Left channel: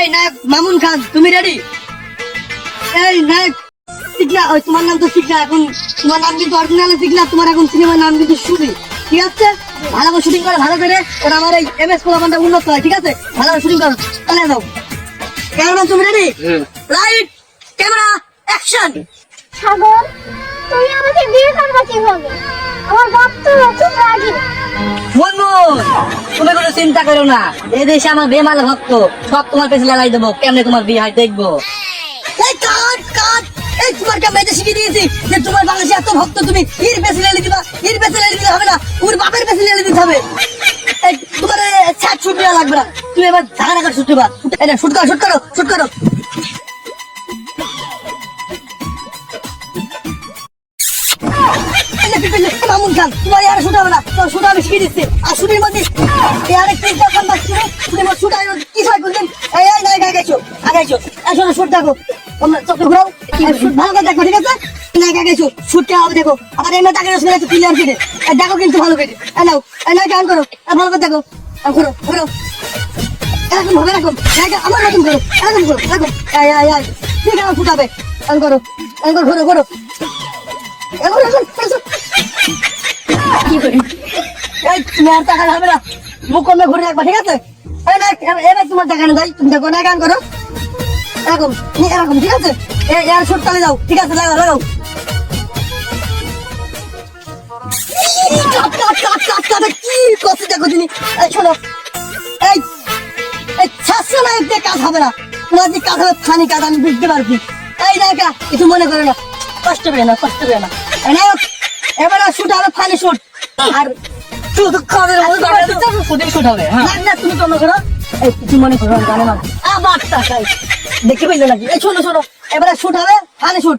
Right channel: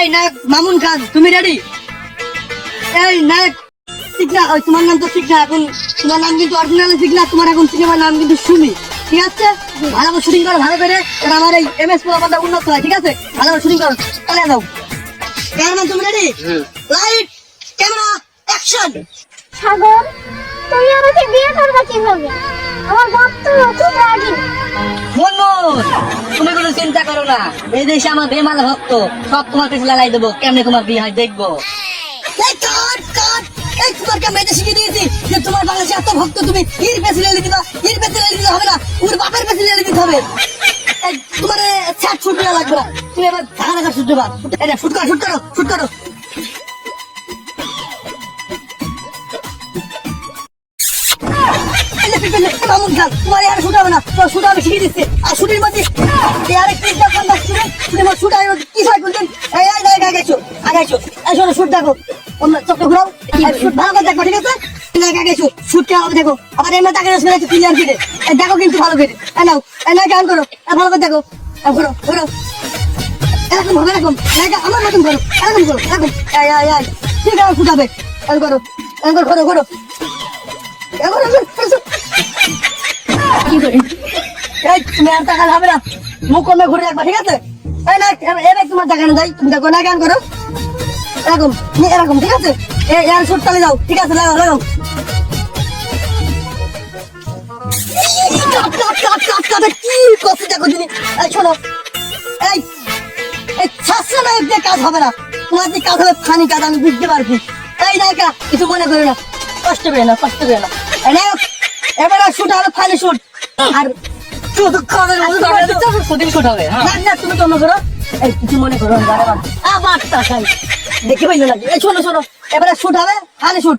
এই নায়ক মামুন খান, তুমি রেডি? এই নায়ক ঠিক না? তোমার নাম তো ঠিক না, এখন তোমার নাম কিন্তু অরিজিনাল ঠিক না, তোমার এখন সিনেমার নাম কিন্তু সুমি, ঠিক আছে? ভালো করে শুটিং করো, ভালো করে, কারণ আমার এই MS প্রোগ্রামটা উন্নত হয়, ঠিক আছে? ভালো করে শুটিং করো, চালিয়ে দাও। ক্যামেরা, তুমি ready? Light, camera, action. Sagar, তুই আমাকে বিয়ে করবে কিভাবে? আমার বাপ তো খুব রাগী। মনমোহন, তুমি কোনো চিন্তা করো না, এই দেশে আমার বেমাল ভক্ত, সব তোমার পেছনে লাই দেবো, কেমনে তোমার বিয়ে হয় দেখবো। এই কাট কাট, এই তোমার কে মেয়েদের শিখিয়ে দিয়েছি যে তোমার বাংলাদেশে এত ভক্ত, তুমি এর পেছনে লেগে দিবা, এর পেছনে লেগে দিলে হবে না, ওর বাপের পেছনে লেগে দিতে হবে। এই তোমার ছাড় ছুট দেওয়া লাগবে না, তুমি এবার ঝাড়া কাট ছুট দিবা। এটা শুট করো, শুট করো, শুট করো। মামুন খান, তোমার আর শুট হবে না, শুট আমি শিখিয়ে দিচ্ছি। আর শুটের মধ্যে আরেকটা ইনফরমেশন দিচ্ছি, শুটের শুট আর কি হয় করবেন। এই এই নাই আগাইছো, আগাইছো, এই শোনো শুট দেখো, তোমরা চোখ ঘুরাও, শুট ভালো করে দেখো, ঠিক আছে? নাই আগাইছো, শুট কেমন হবে দেখো, আবার এমনি তাকে শুনে ক্লিয়ার করে দেখো কিন্তু ভালো করে। এই নাও, এই নাই গান করো, ভালো করে দেখো, ঘুরো ঘুরো, এরকম হবে, এরকম আমার মতন করো, এরকম করো, এরকম এই এই এই ঠিক আছে, শুট হবে, এরকম করো, এরকম ঘুরো ঘুরো, এরকম কি করে? এই তুমি আর টাকা হবে না, মুখ কমে ঘুরে রাখবা, ঠিক আছে? এই না এবার তোমার টাকা না যাই, তুমি দেখো না গান করো, এরকম এরকম, ঠিক আছে? এই এর শুট চালিয়ে যাও, ঠিক আছে? লাগাও লাগাও, কি কথা দেখো তুমি। এই শোনো, এই এই শাস্ত্র নায়ক দিয়ে কাজ হবে না, তোমার যে কাজ হবে ফানি কাজ, আমি বুঝতে পারছি। এই নায়িকা কিছু মনে করো না, কষ্ট পেয়ে না, কষ্ট পেয়ে না। এই নায়ক এবার শুট হবে ফানি শুট, আর শুধু খাবে প্রতিম শুট হবে। না তুমি কম করো, এই কিছু মনে করো জানো না, আবার দেখে পাইলো নাকি? এই শোনো শোনো, এবার শুট হবে ফানি শুট।